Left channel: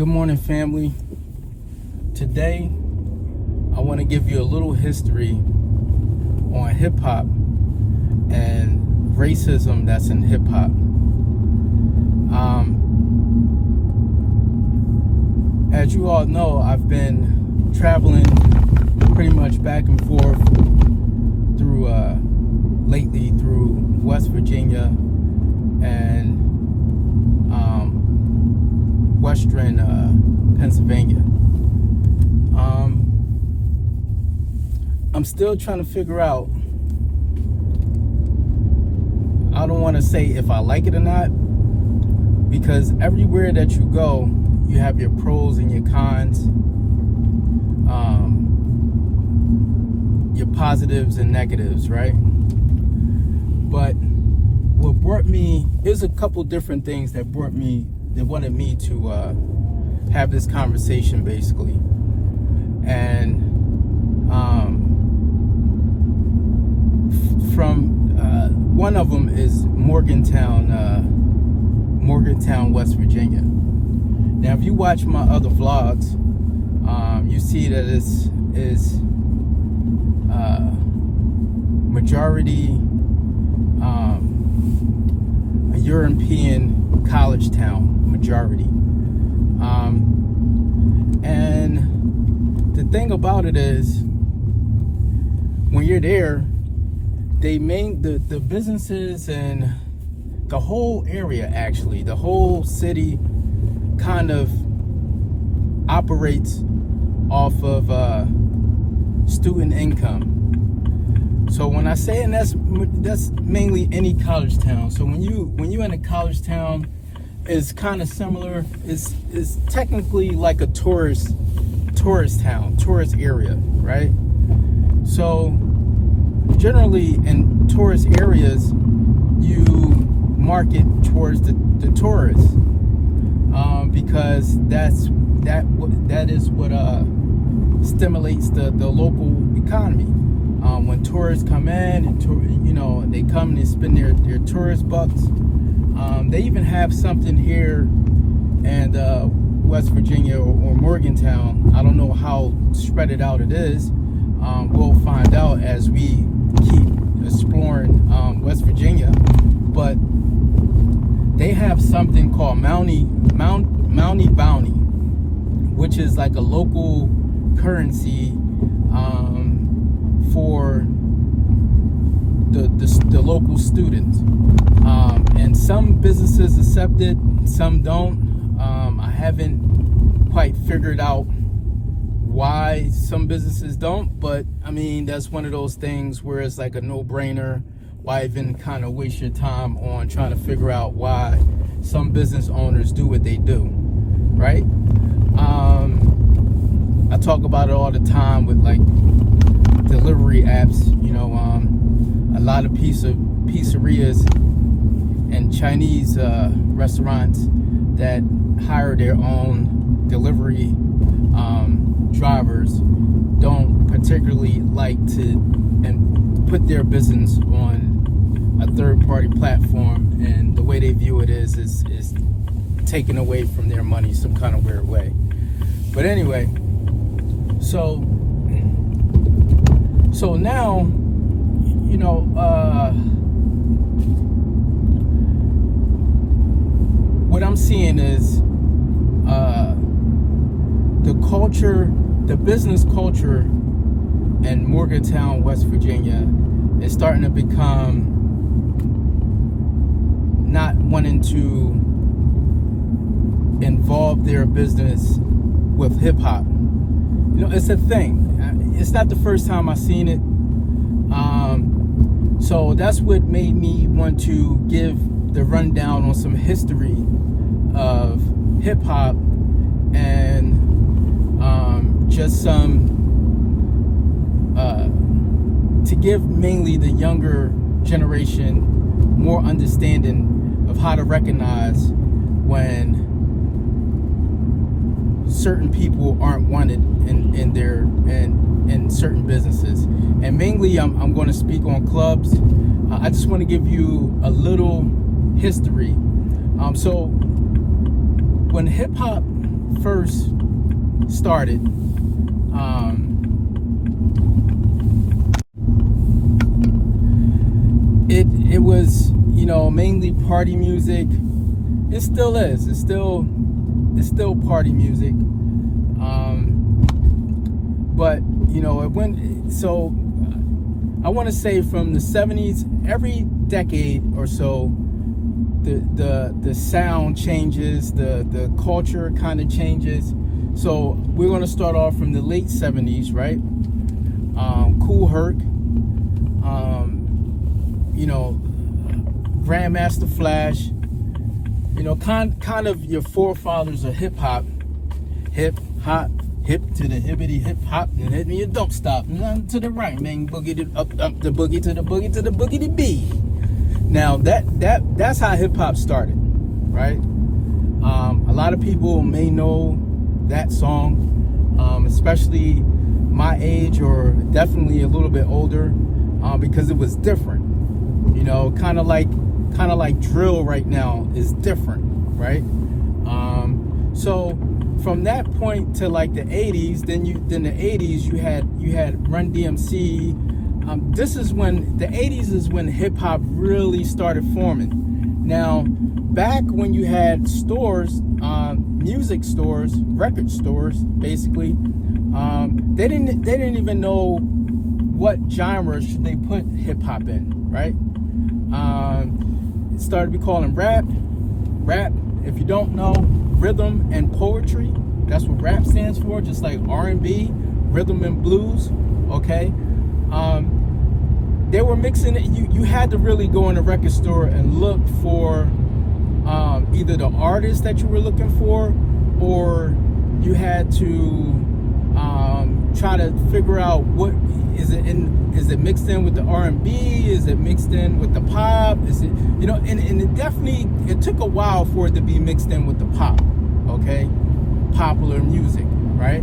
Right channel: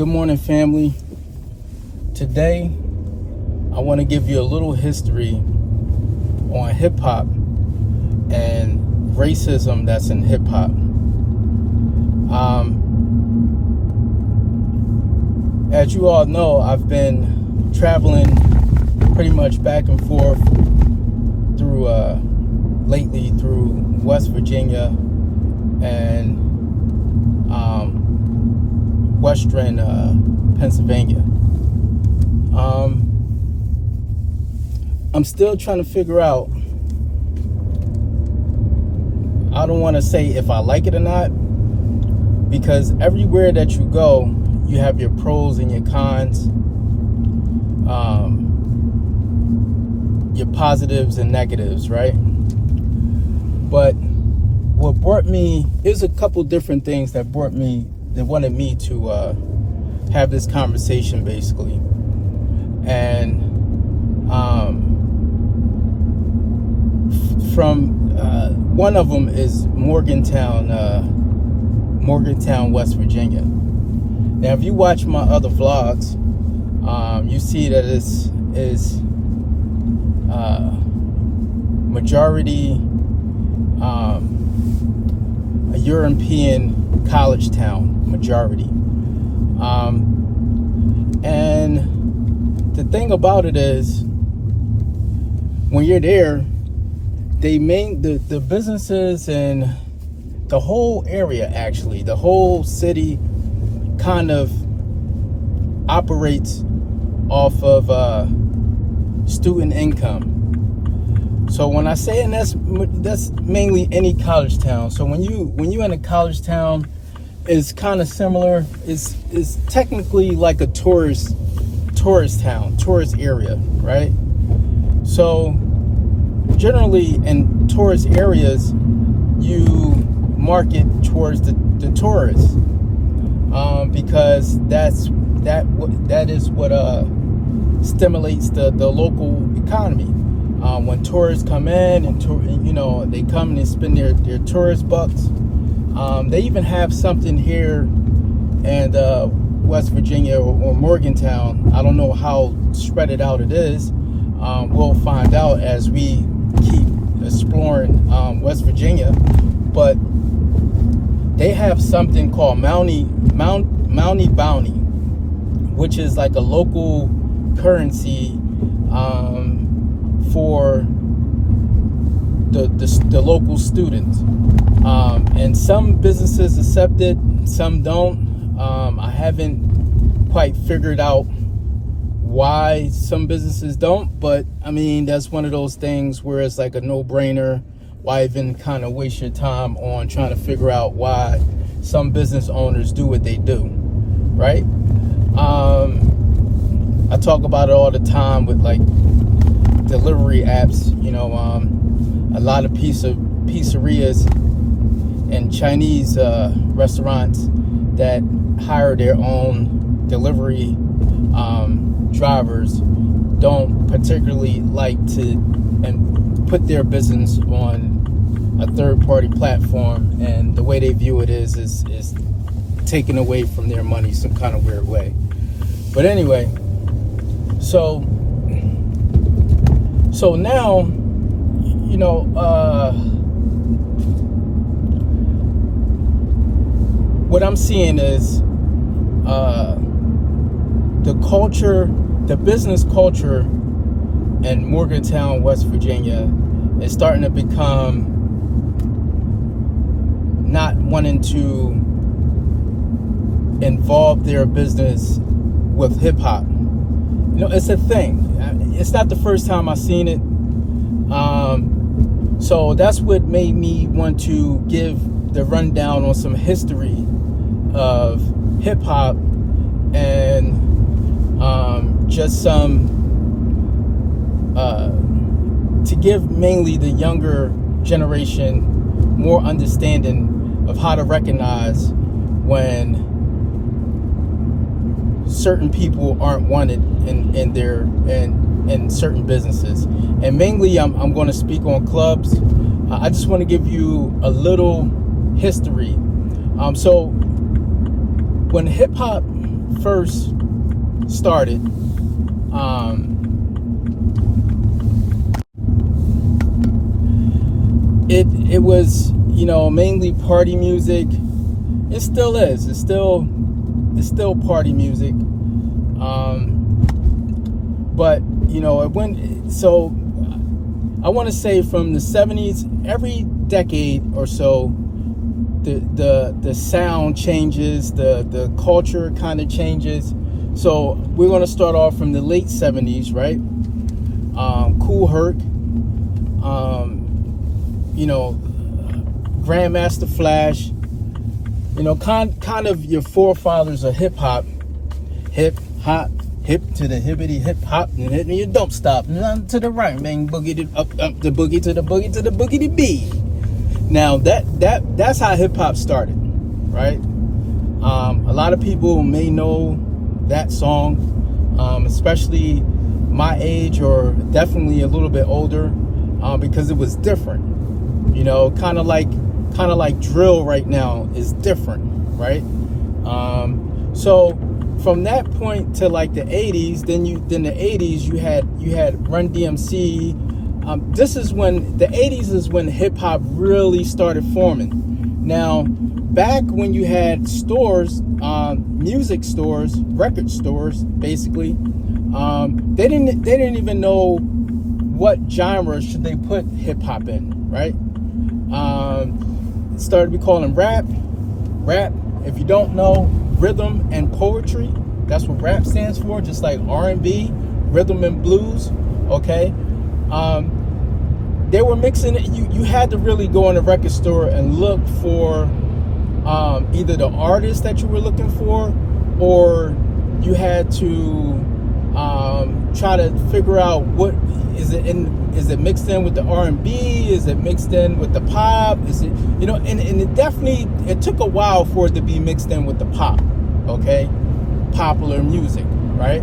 Good morning, family. Today, I want to give you a little history on hip hop and racism that's in hip hop. As you all know, I've been traveling pretty much back and forth through lately through West Virginia and Western Pennsylvania. I'm still trying to figure out, I don't want to say if I like it or not, because everywhere that you go, you have your pros and your cons, your positives and negatives, right? But what brought me, there's a couple different things that wanted me to have this conversation, basically. And one of them is Morgantown, West Virginia. Now, if you watch my other vlogs, you see that it's majority a European college town, majority. And the thing about it is, when you're there, the businesses and the whole area, actually, the whole city kind of operates off of student income. So when I say, and that's mainly any college town. So when you're in a college town, it's kind of similar. It's technically like a tourist town, tourist area, right? So generally in tourist areas, you market towards the tourists, because that is what stimulates the local economy. When tourists come in and they come and they spend their tourist bucks. They even have something here in West Virginia or Morgantown. I don't know how spread it out it is. We'll find out as we keep exploring West Virginia. But they have something called Mountie Bounty, which is like a local currency for the local students. And some businesses accept it, some don't. I haven't quite figured out why some businesses don't, but I mean, that's one of those things where it's like a no-brainer. Why even kind of waste your time on trying to figure out why some business owners do what they do, right? I talk about it all the time with like delivery apps, a lot of pizzerias and Chinese restaurants that hire their own delivery drivers don't particularly like to and put their business on a third-party platform, and the way they view it is taken away from their money some kind of weird way. But anyway, so now, what I'm seeing is the business culture in Morgantown, West Virginia, is starting to become not wanting to involve their business with hip hop. It's a thing. It's not the first time I've seen it. So that's what made me want to give the rundown on some history of hip hop and just some to give mainly the younger generation more understanding of how to recognize when certain people aren't wanted in certain businesses. And mainly I'm going to speak on clubs. I just want to give you a little history. So when hip hop first started, it was, you know, mainly party music. It still is. It's still party music. But you know, it went. So I want to say from the 70s, every decade or so, the sound changes, the culture kind of changes. So we're going to start off from the late 70s, right? Cool Herc, you know, Grandmaster Flash, you know, kind of your forefathers of hip hop, hip to the hippity hip hop, and you don't stop, none to the right, man, boogie to, up the boogie to the boogie to the boogie to B. Now that's how hip hop started, right? A lot of people may know that song, especially my age or definitely a little bit older, because it was different. You know, kind of like drill right now is different, right? So from that point to like the 80s, then the 80s you had Run DMC. This is when the 80s is when hip hop really started forming. Now, back when you had stores, music stores, record stores, basically, they didn't even know what genre should they put hip hop in, right? It started to be calling rap. If you don't know, rhythm and poetry. That's what rap stands for. Just like R&B, rhythm and blues. Okay. They were mixing it. You had to really go in a record store and look for either the artist that you were looking for, or you had to try to figure out what is it mixed in with the R&B, is it mixed in with the pop, is it, you know, and it took a while for it to be mixed in with the pop, okay, popular music, right?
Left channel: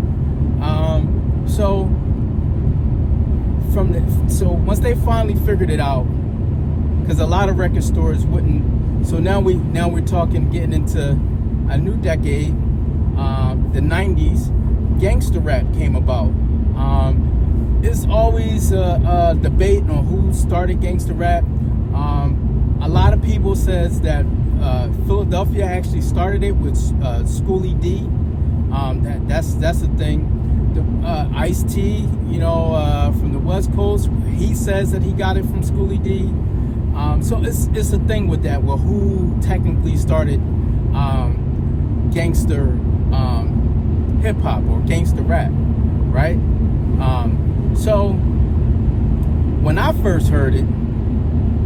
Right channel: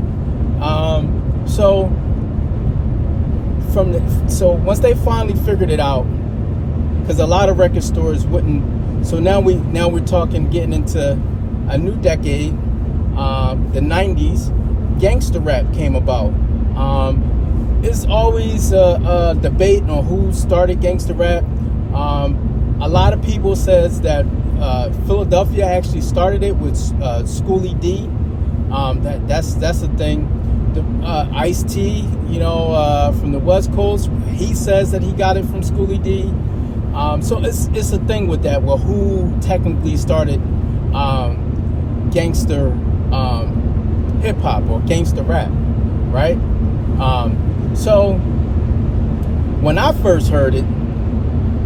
So once they finally figured it out, because a lot of record stores wouldn't. So now we're talking getting into a new decade, the 90s. Gangster rap came about. It's always a debate on who started gangster rap. A lot of people says that Philadelphia actually started it with Schoolie D. That's the thing. Ice-T, you know, from the West Coast, he says that he got it from Schoolie D. So it's a thing with that. Well, who technically started gangster hip hop or gangster rap, right? So when I first heard it,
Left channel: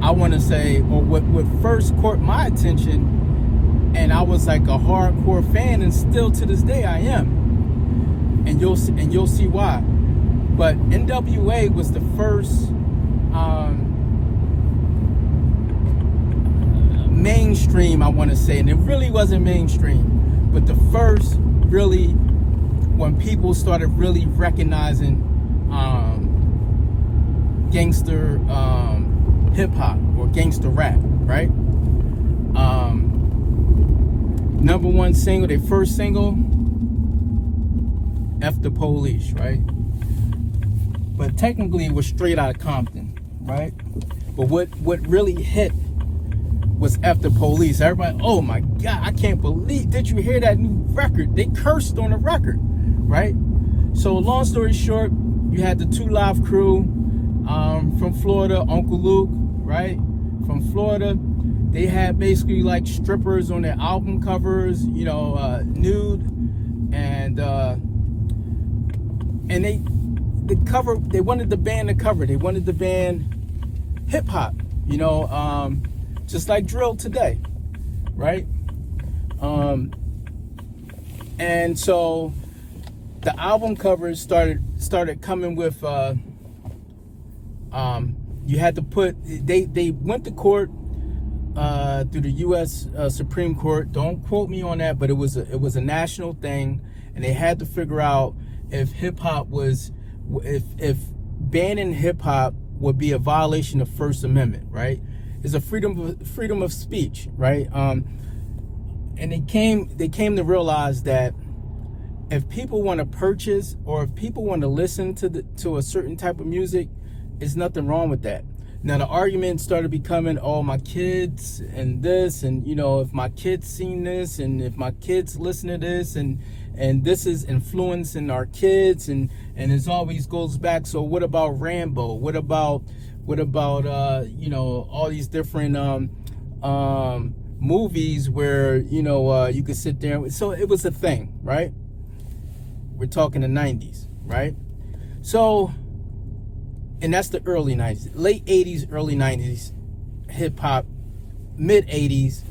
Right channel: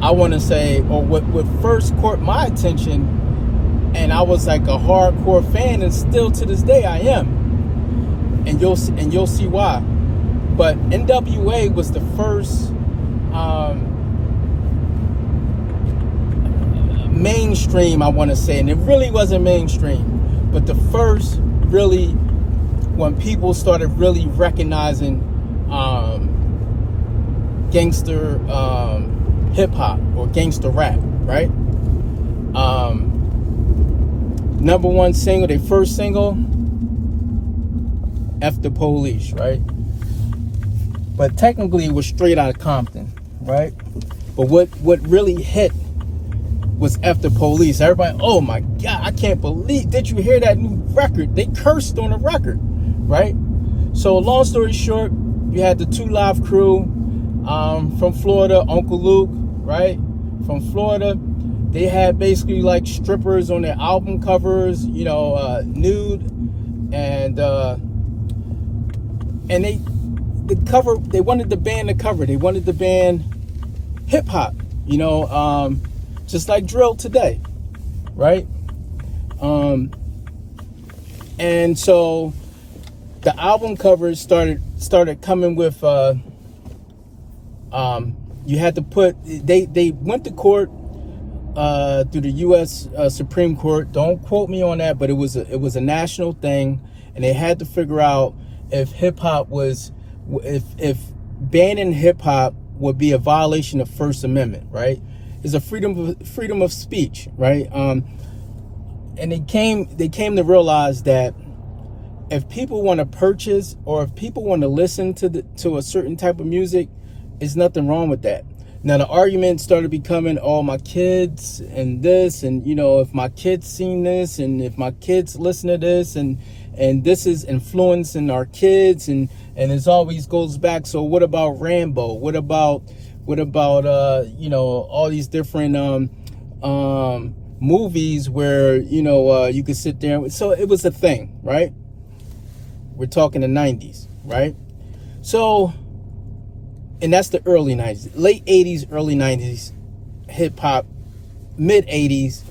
I want to say, or what first caught my attention, and I was like a hardcore fan, and still to this day I am, and you'll see why. But NWA was the first mainstream, I want to say, and it really wasn't mainstream, but the first really, when people started really recognizing gangster hip hop or gangster rap, right? Number one single, their first single, F the Police, right? But technically it was straight out of Compton, right? But what really hit was F the Police. Everybody, oh my God, I can't believe, did you hear that new record? They cursed on the record, right? So long story short, you had the 2 Live Crew from Florida, Uncle Luke, right? From Florida. They had basically like strippers on their album covers, you know, nude, and they wanted the band to cover. They wanted the band hip hop, you know, just like drill today, right? And so the album covers started coming with you had to put, they went to court through the U.S. Supreme Court. Don't quote me on that, but it was a national thing, and they had to figure out if hip hop was, if banning hip hop would be a violation of First Amendment, right? It's a freedom of speech, right? And they came to realize that if people want to purchase or if people want to listen to a certain type of music, there's nothing wrong with that. Now the argument started becoming, oh, my kids and this, and if my kids seen this, and if my kids listen to this, and this is influencing our kids, and it always goes back. So what about Rambo? What about all these different movies where you could sit there. So it was a thing, right? We're talking the 90s, right? So, and that's the early 90s, late 80s, early 90s, hip hop, mid 80s,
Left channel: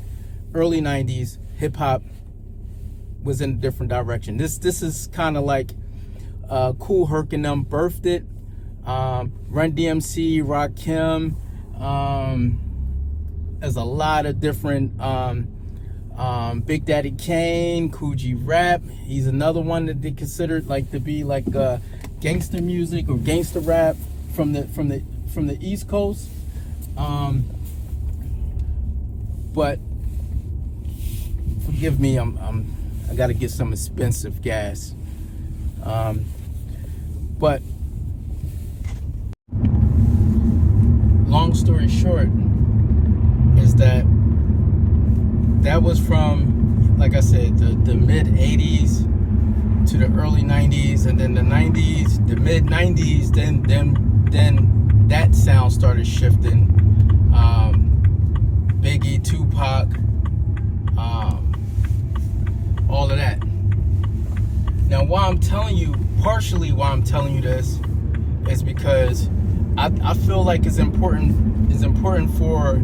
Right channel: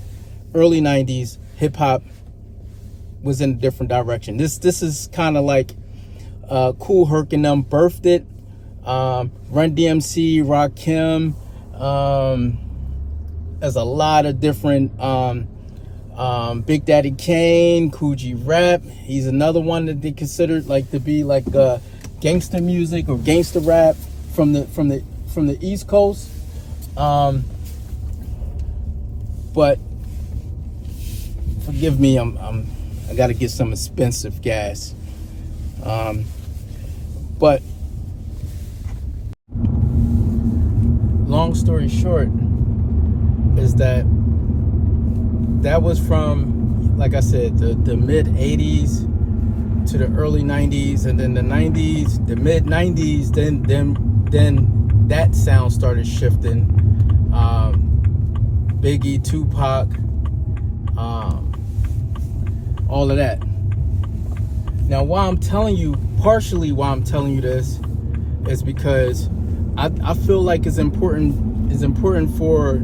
early 90s, hip hop was in a different direction. This is kind of like Kool Herc and them birthed it. Run DMC, Rakim, there's a lot of different Big Daddy Kane, Coogee Rap. He's another one that they considered like to be like gangster music or gangster rap from the East Coast. But forgive me, I got to get some expensive gas. But long story short is that was from, like I said, the mid 80s to the early 90s, and then the 90s, the mid 90s, then that sound started shifting. Biggie, Tupac, all of that. Now, partially why I'm telling you this is because I feel like it's important for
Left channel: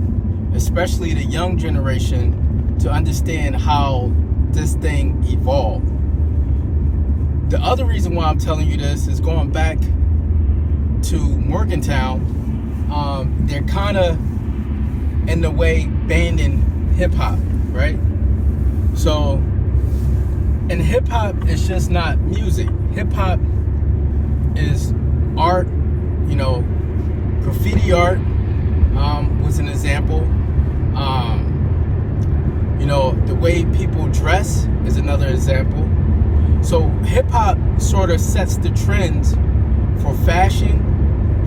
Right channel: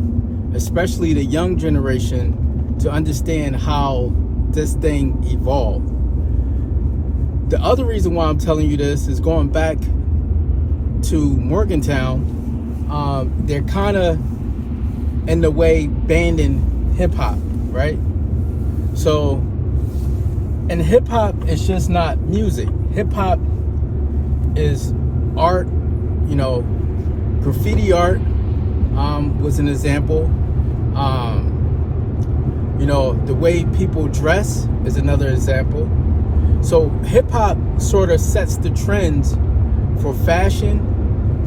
especially the young generation to understand how this thing evolved. The other reason why I'm telling you this is going back to Morgantown. They're kind of in the way banning hip hop, right? So, and hip hop is just not music. Hip hop is art. Graffiti art was an example. The way people dress is another example. So hip hop sort of sets the trends for fashion,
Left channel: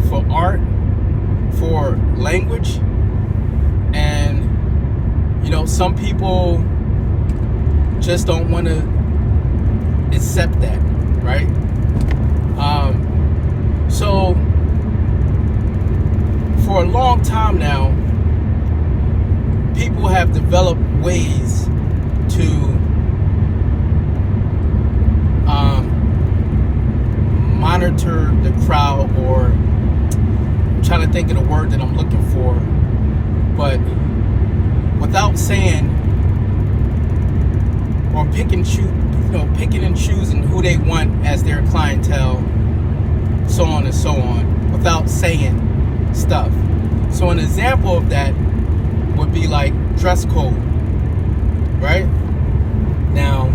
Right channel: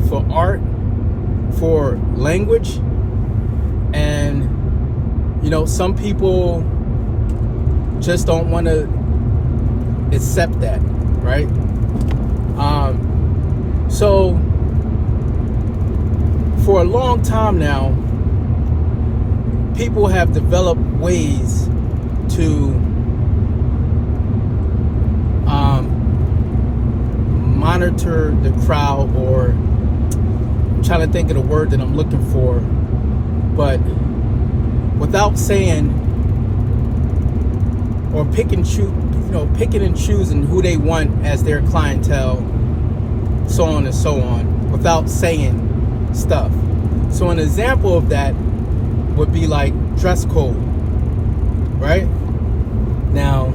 for art, for language. And some people just don't want to accept that, right? So for a long time now, people have developed ways to monitor the crowd, or I'm trying to think of the word that I'm looking for, but without saying or picking and choosing who they want as their clientele, so on and so on, without saying stuff. So an example of that would be like dress code, right? Now,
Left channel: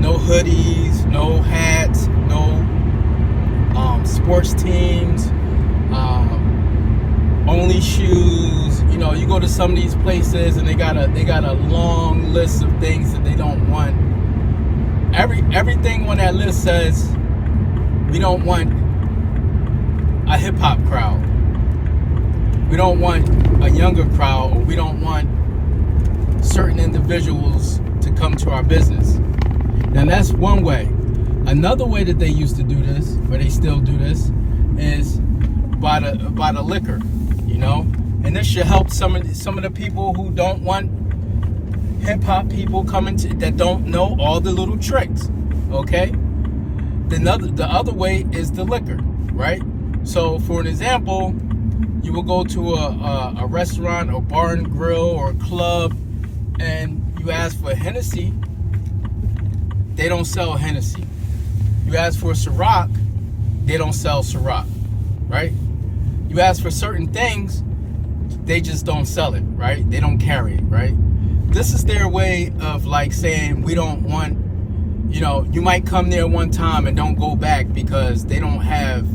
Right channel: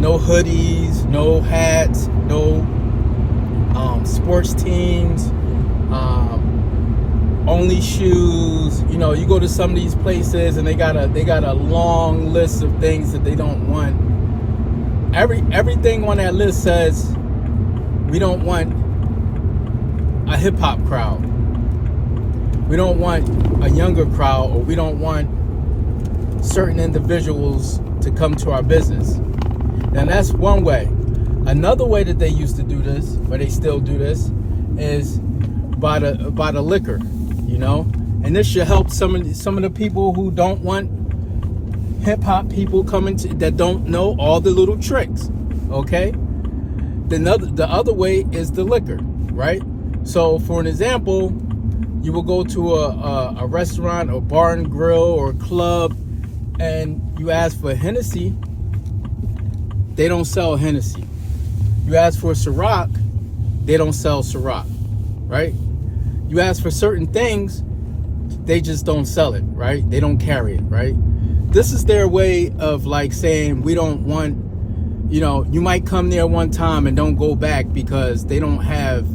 no hoodies, no hats, no sports teams, only shoes. You go to some of these places and they got a long list of things that they don't want. Everything on that list says we don't want a hip hop crowd. We don't want a younger crowd, or we don't want certain individuals to come to our business. Now that's one way. Another way that they used to do this, or they still do this, is by the liquor, and this should help some of the people who don't want hip hop people coming that don't know all the little tricks. Okay. The other way is the liquor, right? So for an example, you will go to a restaurant or bar and grill or club, and you ask for Hennessy. They don't sell Hennessy. You ask for Ciroc, they don't sell Ciroc, right? You ask for certain things, they just don't sell it, right? They don't carry it, right? This is their way of like saying we don't want, you might come there one time and don't go back because they don't have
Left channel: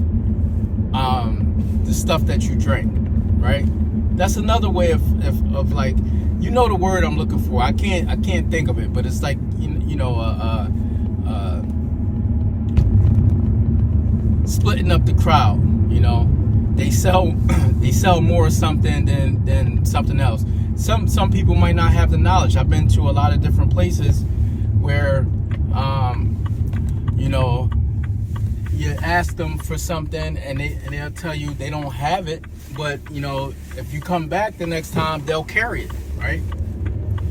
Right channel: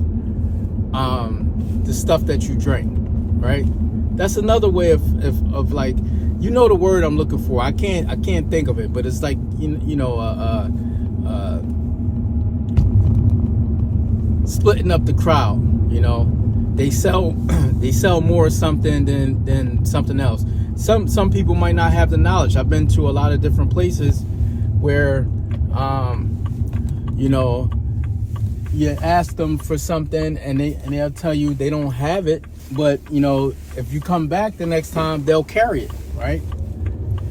the stuff that you drink, right? That's another way of like, you know the word I'm looking for. I can't think of it, but it's like splitting up the crowd. They sell more something than something else. Some people might not have the knowledge. I've been to a lot of different places where you ask them for something and they'll tell you they don't have it, but if you come back the next time, they'll carry it, right?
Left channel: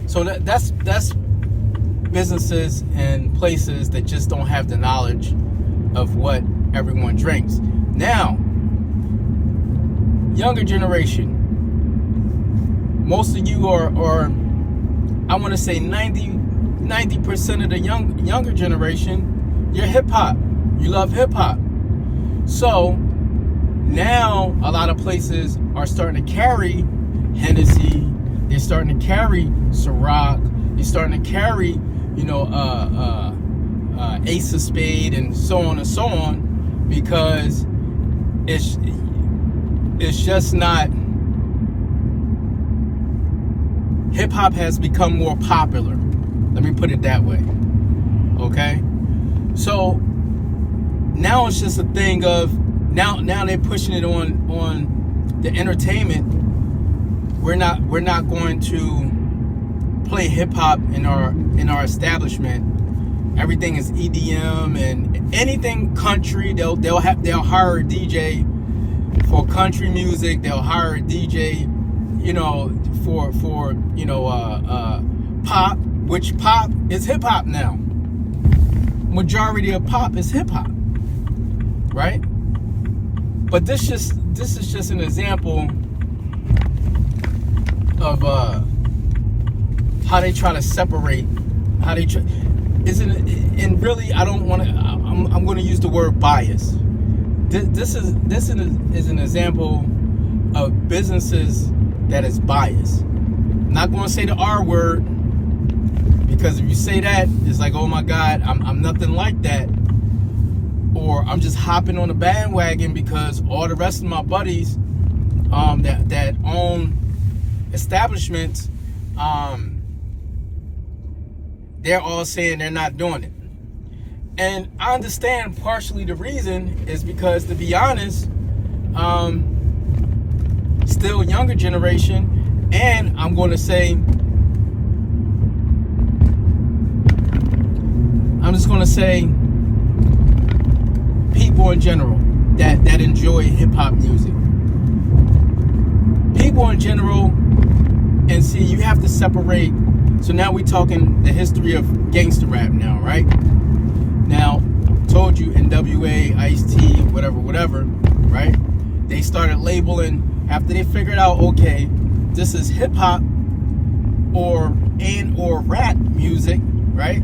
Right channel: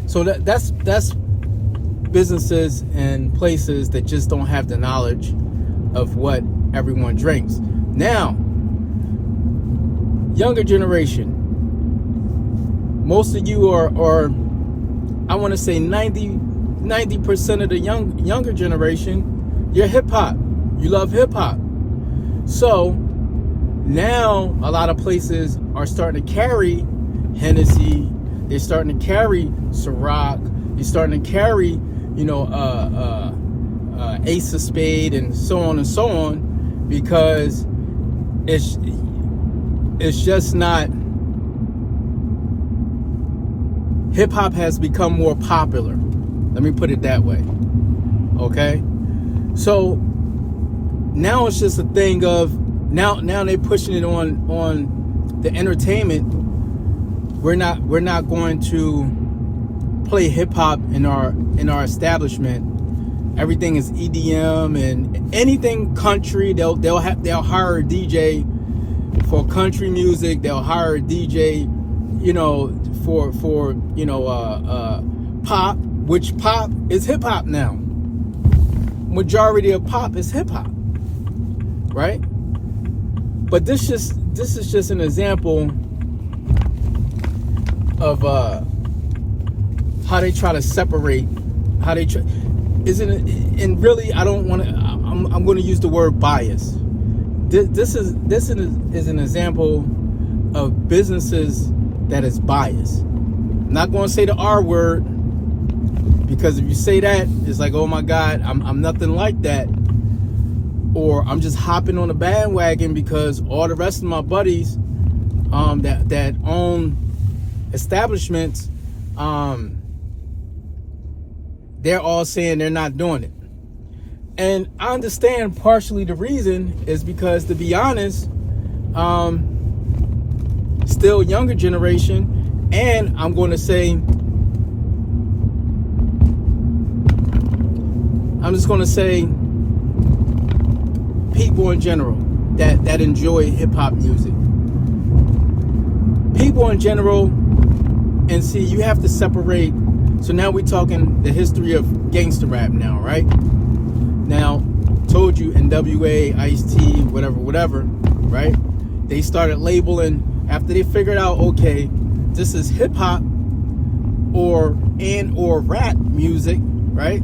So that's businesses and places that just don't have the knowledge of what everyone drinks. Now, younger generation, most of you are I want to say 90% of the younger generation, you're hip hop. You love hip hop. So now a lot of places are starting to carry Hennessy. They're starting to carry Ciroc. They're starting to carry, Ace of Spade and so on, because it's just not. Hip hop has become more popular. Let me put it that way. Okay? So now it's just a thing of now they're pushing it on the entertainment. We're not going to play hip hop in our establishment. Everything is EDM and anything country. They'll hire a DJ for country music. They'll hire a DJ, for pop, which pop is hip hop now. Majority of pop is hip hop, right? But this is just an example of how they try to separate, and really I don't want to. I'm going to use the word bias. This is an example of businesses that is biased. I'm not going to say the R word, because if you say that, it's like, oh my God, I'm nothing like that. Or I'm just hopping on the bandwagon because all the rest of my buddies that own establishments, they're all saying they're not doing it. And I understand partially the reason is because, to be honest, still younger generation, and I'm going to say, I'm just going to say people in general that enjoy hip-hop music. People in general, and see, you have to separate. So now we're talking the history of gangster rap now, right? Now, told you NWA, Ice-T, whatever, right? They started labeling after they figured out, okay, this is hip-hop or rap music, right?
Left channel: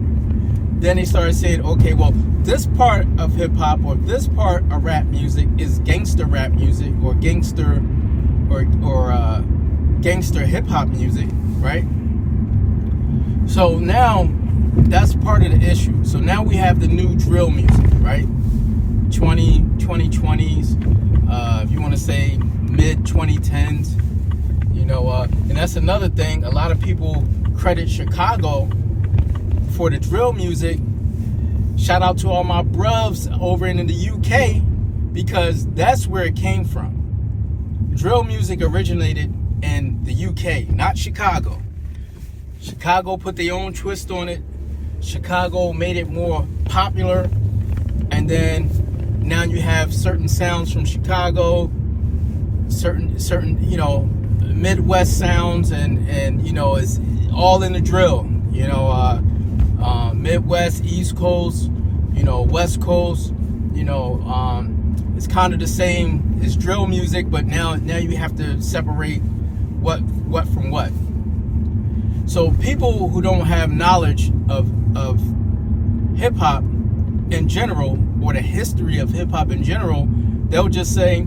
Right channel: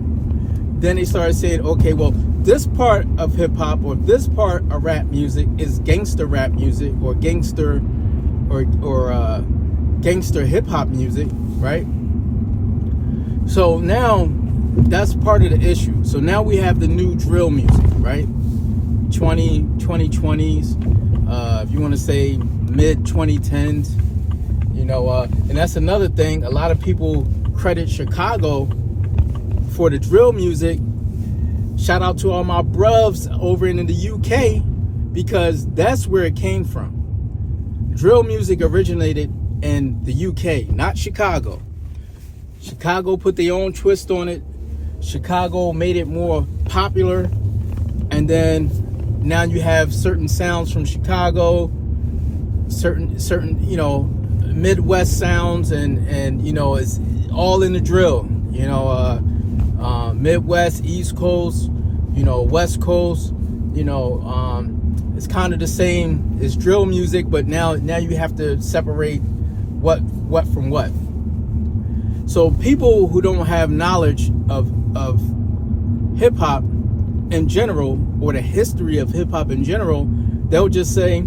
Then they started saying, okay, well, this part of hip-hop or this part of rap music is gangster rap music or gangster or gangster hip-hop music, right? So now that's part of the issue. So now we have the new drill music, right? 2020s, if you want to say mid 2010s, and that's another thing. A lot of people credit Chicago for the drill music. Shout out to all my bruvs over in the UK, because that's where it came from. Drill music originated in the UK, not Chicago. Chicago put their own twist on it. Chicago made it more popular, and then now you have certain sounds from Chicago, certain Midwest sounds, and it's all in the drill. Midwest, East Coast, West Coast, it's kind of the same as drill music, but now you have to separate what from what. So people who don't have knowledge of hip hop in general, or the history of hip hop in general, they'll just say,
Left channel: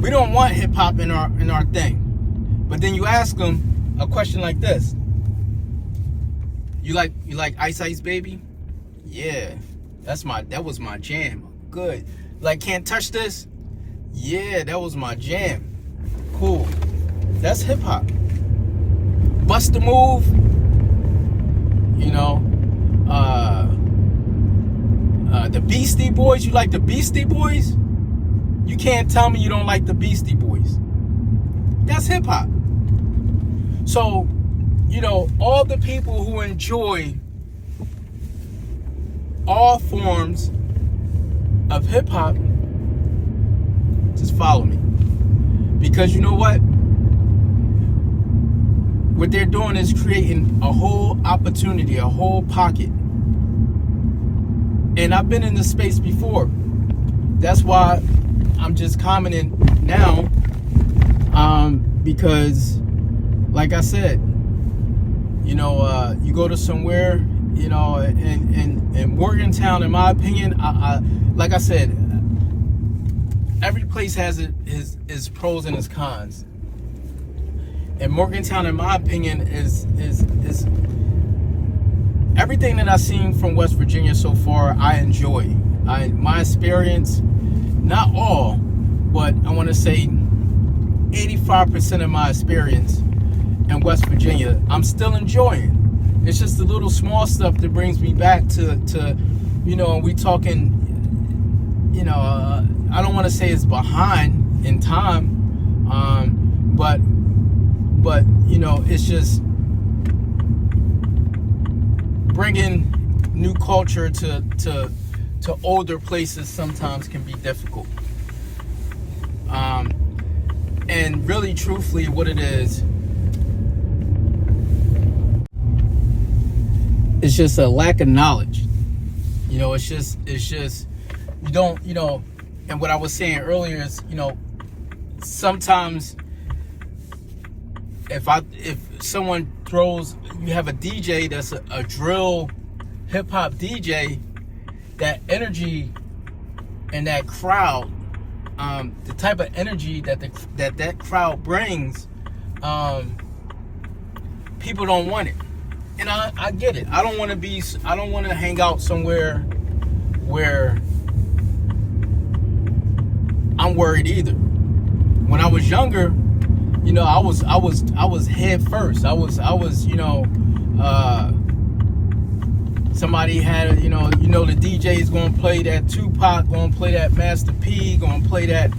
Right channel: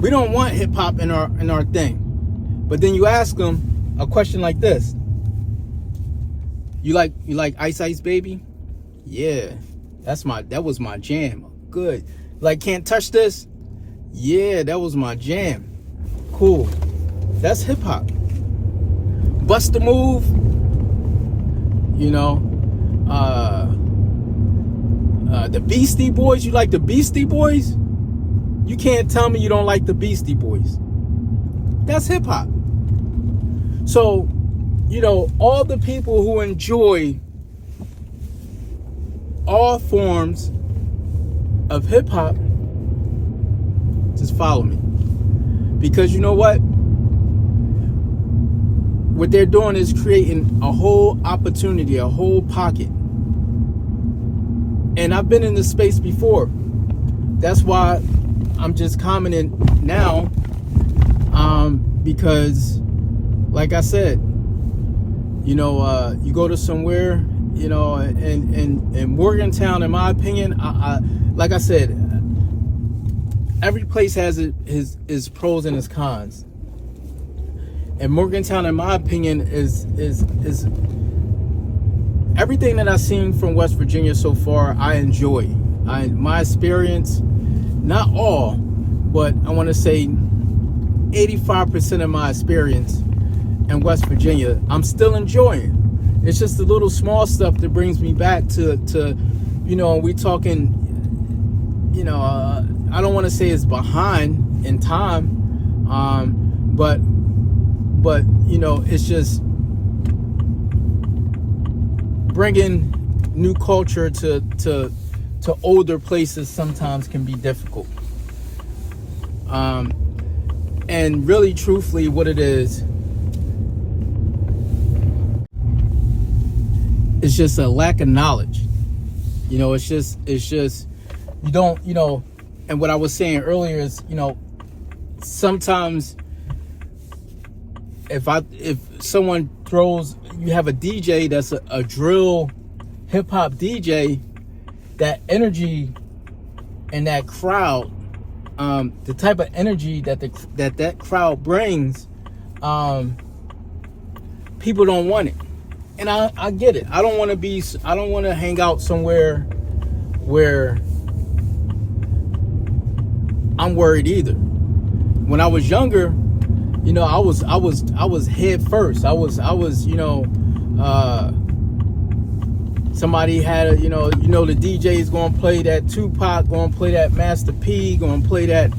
we don't want hip hop in our thing. But then you ask them a question like this: You like Ice Ice Baby? Yeah, that was my jam. Good. Like, Can't Touch This? Yeah, that was my jam. Cool. That's hip hop. Bust the Move, you know, the Beastie Boys. You like the Beastie Boys? You can't tell me you don't like the Beastie Boys. That's hip hop. So, you know, all the people who enjoy all forms of hip hop, just follow me. Because you know what? What they're doing is creating a whole opportunity, a whole pocket. And I've been in this space before. That's why I'm just commenting now. Because, like I said, you know, you go to somewhere, you know, in Morgantown, in my opinion, I like I said, every place has its pros and its cons. And Morgantown, in my opinion, is everything that I've seen from West Virginia so far. I enjoy. My experience, not all, but I want to say 85% of my experience in West Virginia, I'm still enjoying. It's just the little small stuff that brings me back to you know, we talking, you know, I don't want to say it's behind in time, but you know, it's just bringing new culture to older places sometimes can be difficult. And really, truthfully, what it is, it's just a lack of knowledge. You know, it's just you don't, you know. And what I was saying earlier is, you know, sometimes if someone throws, you have a DJ that's a drill hip hop DJ, that energy and that crowd, the type of energy that crowd brings, people don't want it. And I get it. I don't want to hang out somewhere where I'm worried either. When I was younger, you know, I was head first. I was, you know, somebody had, you know, the DJ is going to play that Tupac, going to play that Master P, going to play that,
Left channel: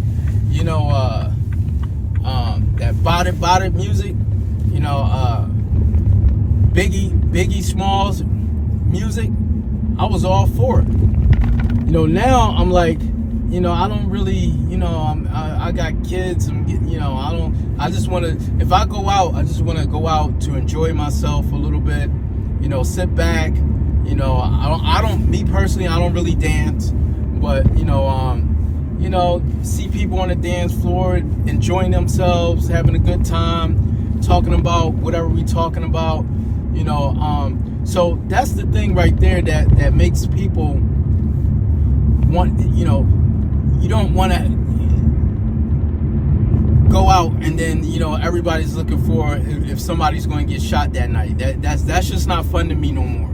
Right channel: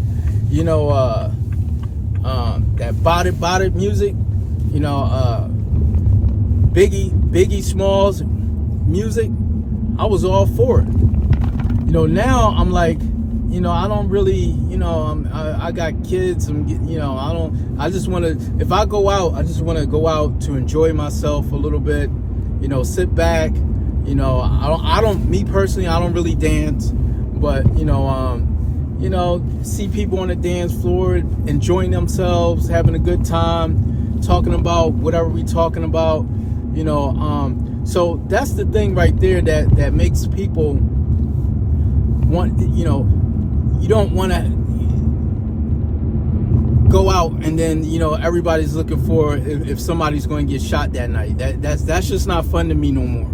you know, that body music, you know, Biggie Smalls music. I was all for it. You know, now I'm like, you know, I don't really, you know, I got kids and, you know, I just want to, if I go out, I just want to go out to enjoy myself a little bit, you know, sit back, you know, I don't, me personally, I don't really dance, but, you know, see people on the dance floor enjoying themselves, having a good time, talking about whatever we talking about, you know, so that's the thing right there that makes people want, you know, you don't want to go out and then, you know, everybody's looking for if somebody's going to get shot that night. That's just not fun to me no more.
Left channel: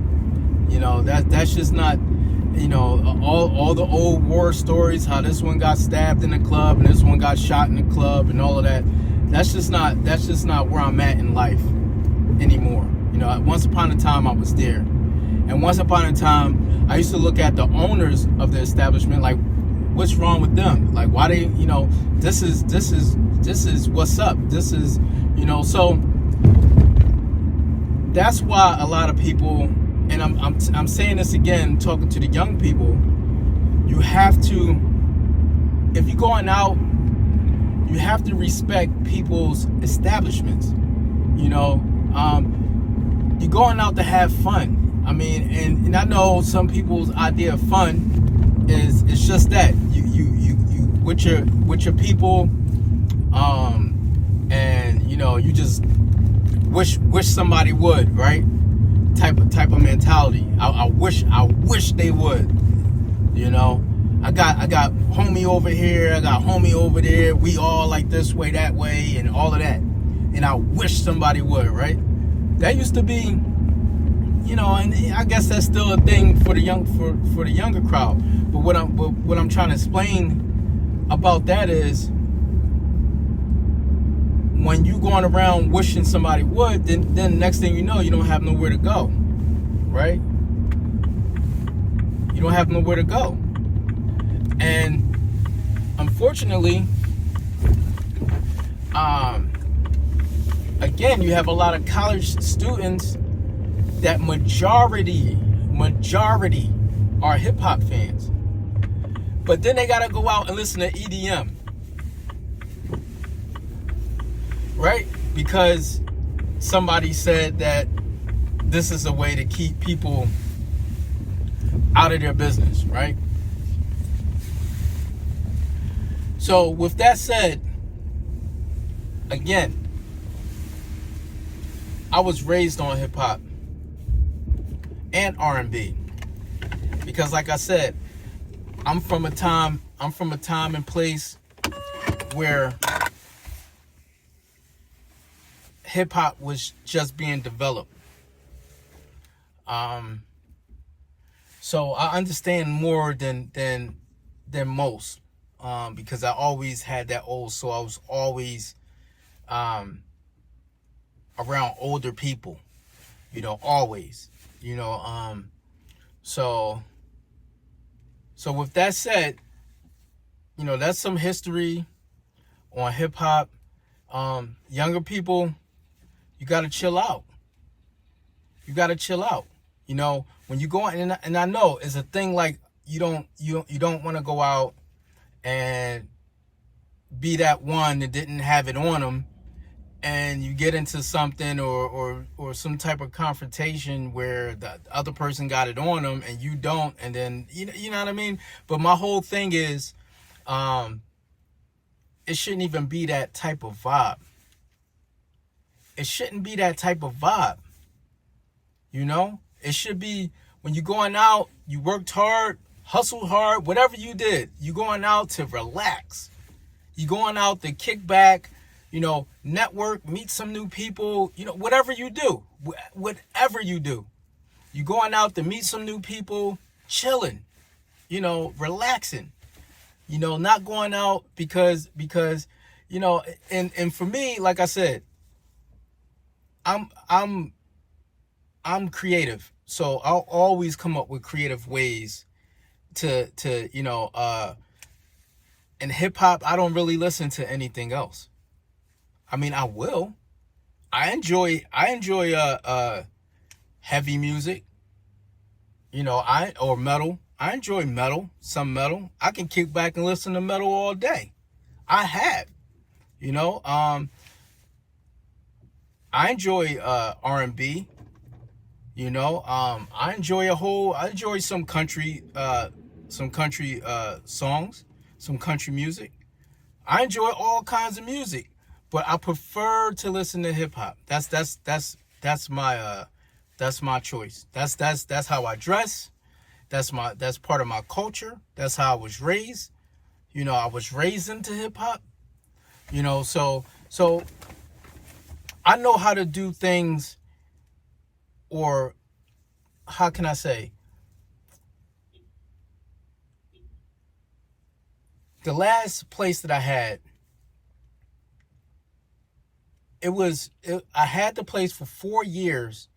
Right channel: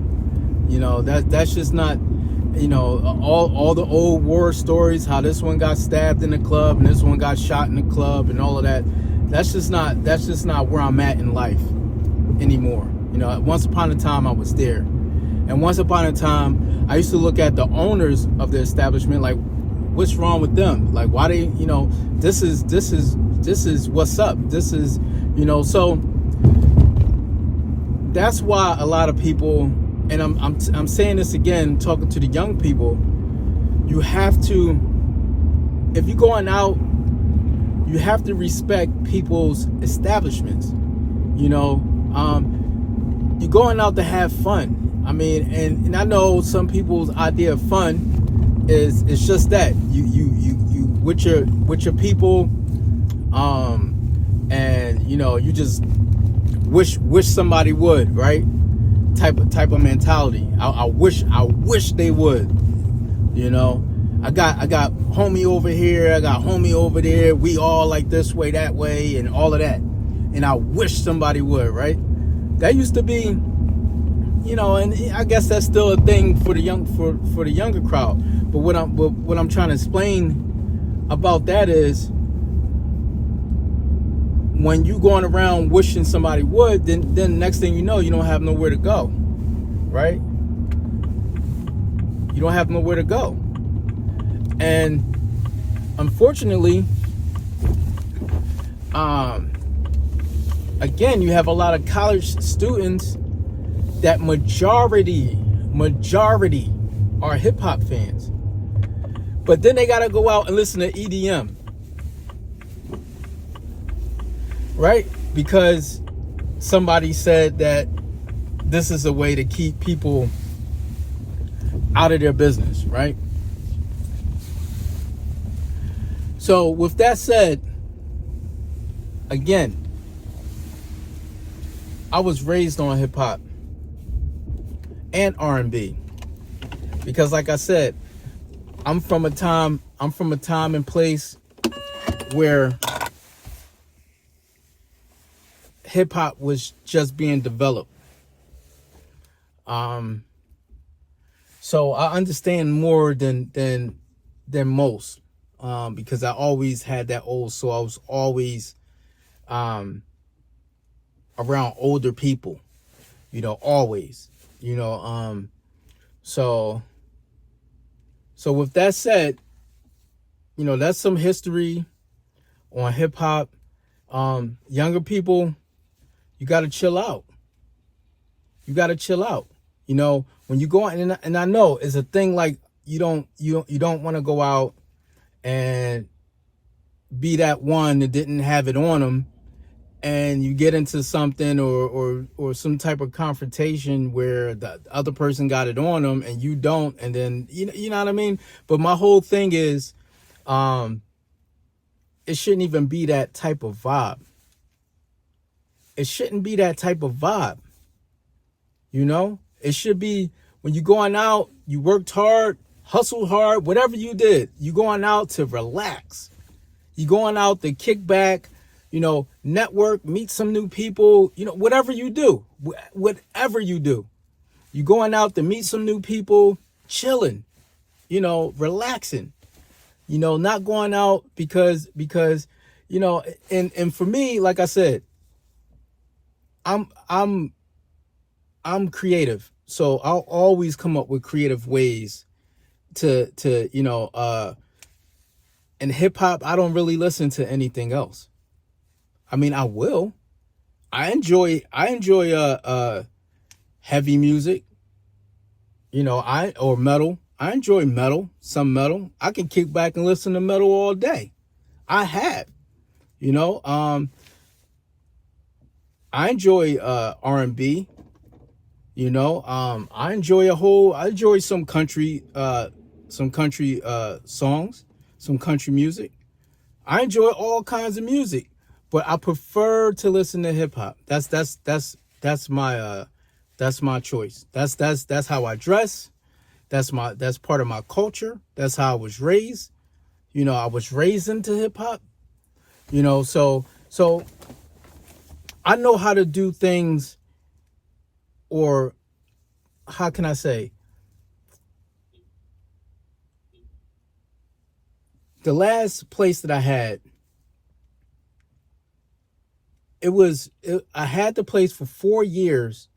You know, that's just not, you know, all the old war stories, how this one got stabbed in the club and this one got shot in the club and all of that. That's just not where I'm at in life anymore. You know, once upon a time I was there. And once upon a time I used to look at the owners of the establishment like, what's wrong with them? Like, why they, you know, this is what's up. This is, you know, so that's why a lot of people, and I'm saying this again, talking to the young people, you have to, if you're going out, you have to respect people's establishments. You know, you're going out to have fun. I mean, and I know some people's idea of fun is it's just that you with your people, and you know, you just wish somebody would, right? Type of mentality. I wish they would. You know, I got homie over here, I got homie over there. We all like this way, that way, and all of that. And I wish somebody would, right? That used to be, you know, and I guess that's still a thing for the younger crowd. But what I'm trying to explain about that is, when you going around wishing somebody would, then next thing you know, you don't have nowhere to go, right? You don't have nowhere to go. And unfortunately, again, you have a lot of college students that majority are hip hop fans. But then they got to go out and listen to EDM, right? Because somebody said that this is a way to keep people out of their business, right? So with that said, again, I was raised on hip hop and R&B because, like I said, I'm from a time and place where hip hop was just being developed. So I understand more than most, because I always had that old soul. I was always around older people, always, so with that said, that's some history on hip hop. Younger people, you got to chill out. When you go out, and I know it's a thing, like you don't want to go out and be that one that didn't have it on them, and you get into something or some type of confrontation where the other person got it on them and you don't, and then you know what I mean. But my whole thing is, it shouldn't even be that type of vibe. It shouldn't be that type of vibe. It should be, when you're going out, you worked hard, hustled hard, whatever you did, you going out to relax. You going out to kick back, network, meet some new people, whatever you do, you going out to meet some new people, chilling, relaxing, not going out because, and for me, like I said, I'm creative. So I'll always come up with creative ways to in hip hop, I don't really listen to anything else. I mean, I will. I enjoy heavy music, or metal. I enjoy metal, some metal. I can kick back and listen to metal all day. I have, I enjoy R&B. I enjoy some country songs, some country music. I enjoy all kinds of music, but I prefer to listen to hip hop. That's my choice. That's how I dress. That's part of my culture. That's how I was raised. I was raised into hip hop. So I know how to do things, or how can I say? The last place that I had, I had the place for 4 years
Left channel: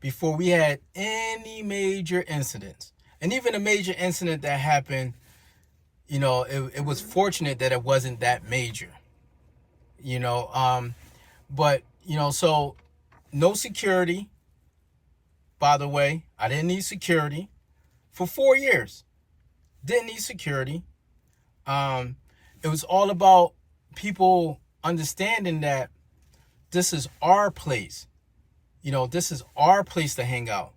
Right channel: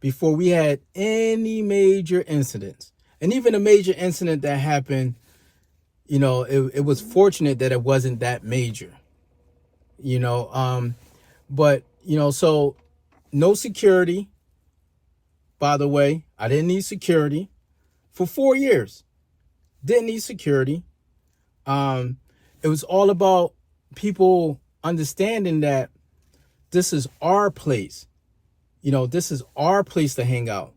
before we had any major incidents. And even a major incident that happened, it was fortunate that it wasn't that major, but, so no security, by the way. I didn't need security for 4 years. Didn't need security. It was all about people understanding that this is our place. This is our place to hang out.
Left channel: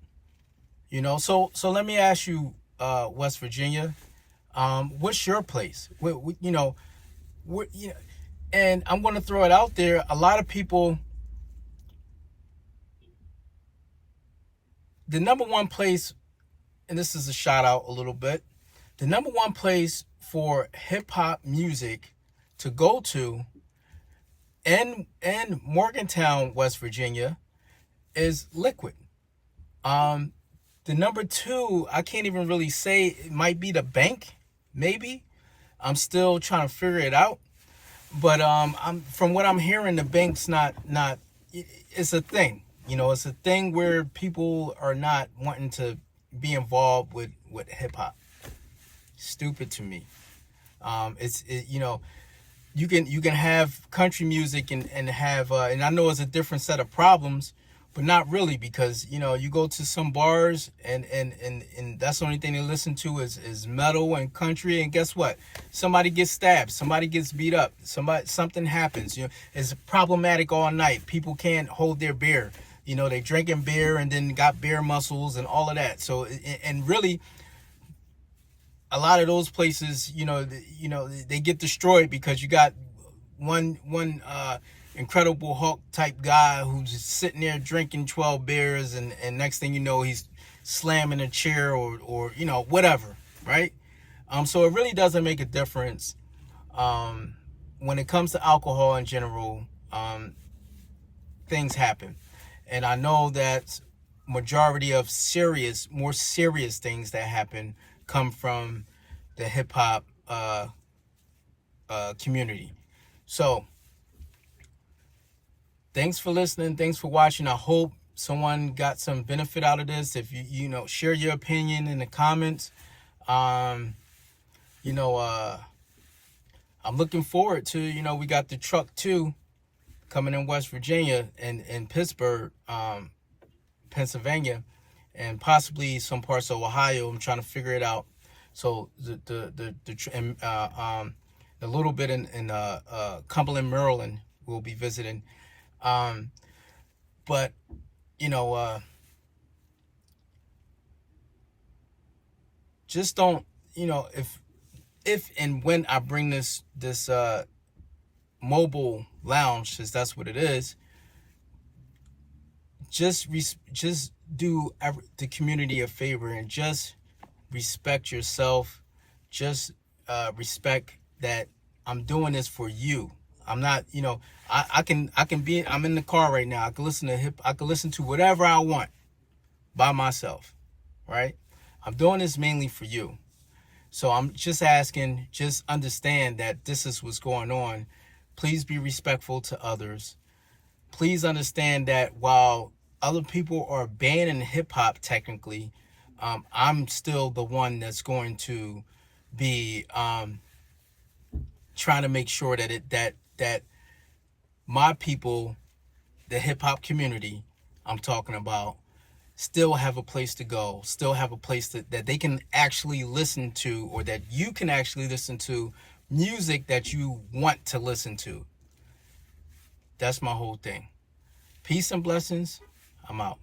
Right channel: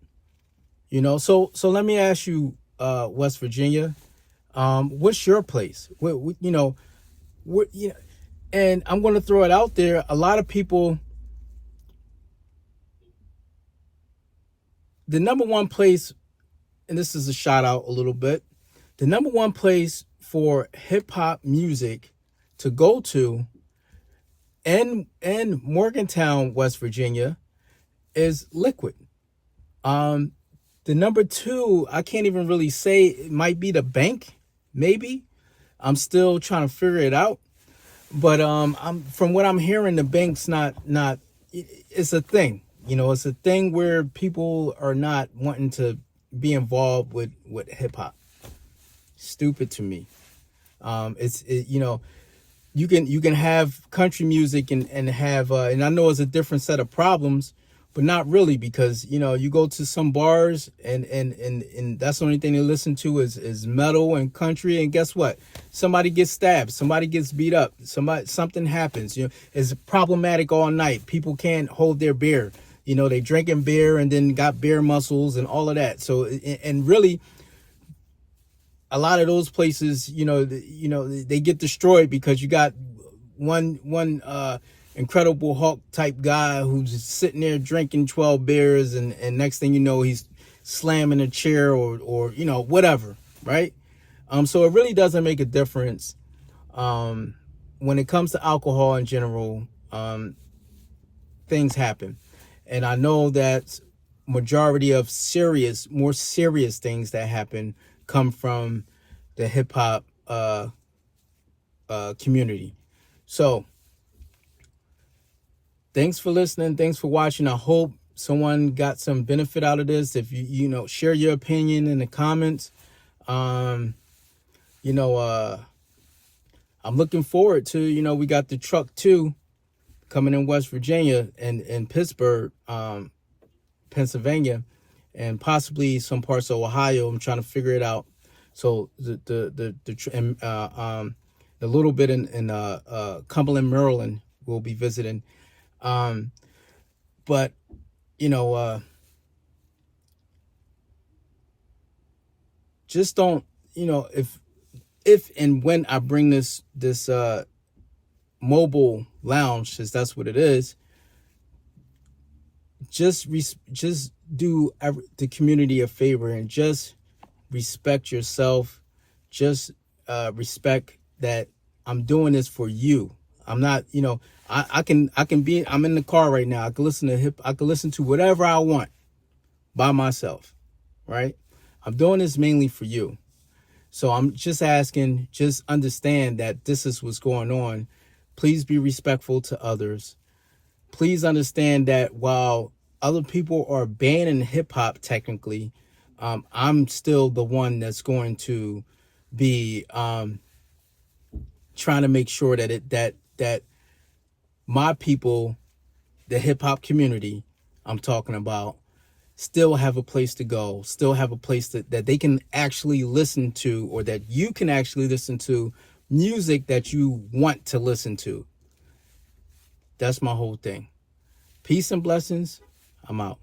So let me ask you, West Virginia, what's your place? And I'm going to throw it out there. A lot of people, the number one place, and this is a shout out a little bit, the number one place for hip hop music to go to in Morgantown, West Virginia, is Liquid. The number two, I can't even really say, it might be the Bank, maybe. I'm still trying to figure it out. But I'm from what I'm hearing, the bank's not. It's a thing, it's a thing where people are not wanting to be involved with hip hop. Stupid to me. You can have country music and have and I know it's a different set of problems, but not really, because you go to some bars and that's the only thing they listen to is metal and country, and guess what? Somebody gets stabbed, somebody gets beat up, something happens. It's problematic all night. People can't hold their beer. They drinking beer and then got beer muscles and all of that. So and really, a lot of those places, they get destroyed because you got one Incredible Hulk type guy who's just sitting there drinking 12 beers, and next thing you know, he's slamming a chair or whatever, right? So it really doesn't make a difference when it comes to alcohol in general. Things happen, and I know that majority of more serious things that happen come from the hip hop community. So thanks for listening. Thanks for watching. I hope someone got some benefit out of this. If you share your opinion in the comments. I'm looking forward to, we got the truck 2 coming in West Virginia and in Pittsburgh, Pennsylvania, and possibly some parts of Ohio. I'm trying to figure it out. So the little bit in Cumberland, Maryland, we'll be visiting. But just don't, if and when I bring this mobile lounge, since that's what it is, just do the community a favor and just respect yourself. Just respect that I'm doing this for you. I'm not, I can be, I'm in the car right now. I can listen to whatever I want by myself, right? I'm doing this mainly for you. So I'm just asking, just understand that this is what's going on. Please be respectful to others. Please understand that while other people are banning hip hop technically, I'm still the one that's going to be trying to make sure that my people, the hip hop community I'm talking about, still have a place to go, still have a place that they can actually listen to, or that you can actually listen to music that you want to listen to. That's my whole thing. Peace and blessings. I'm out.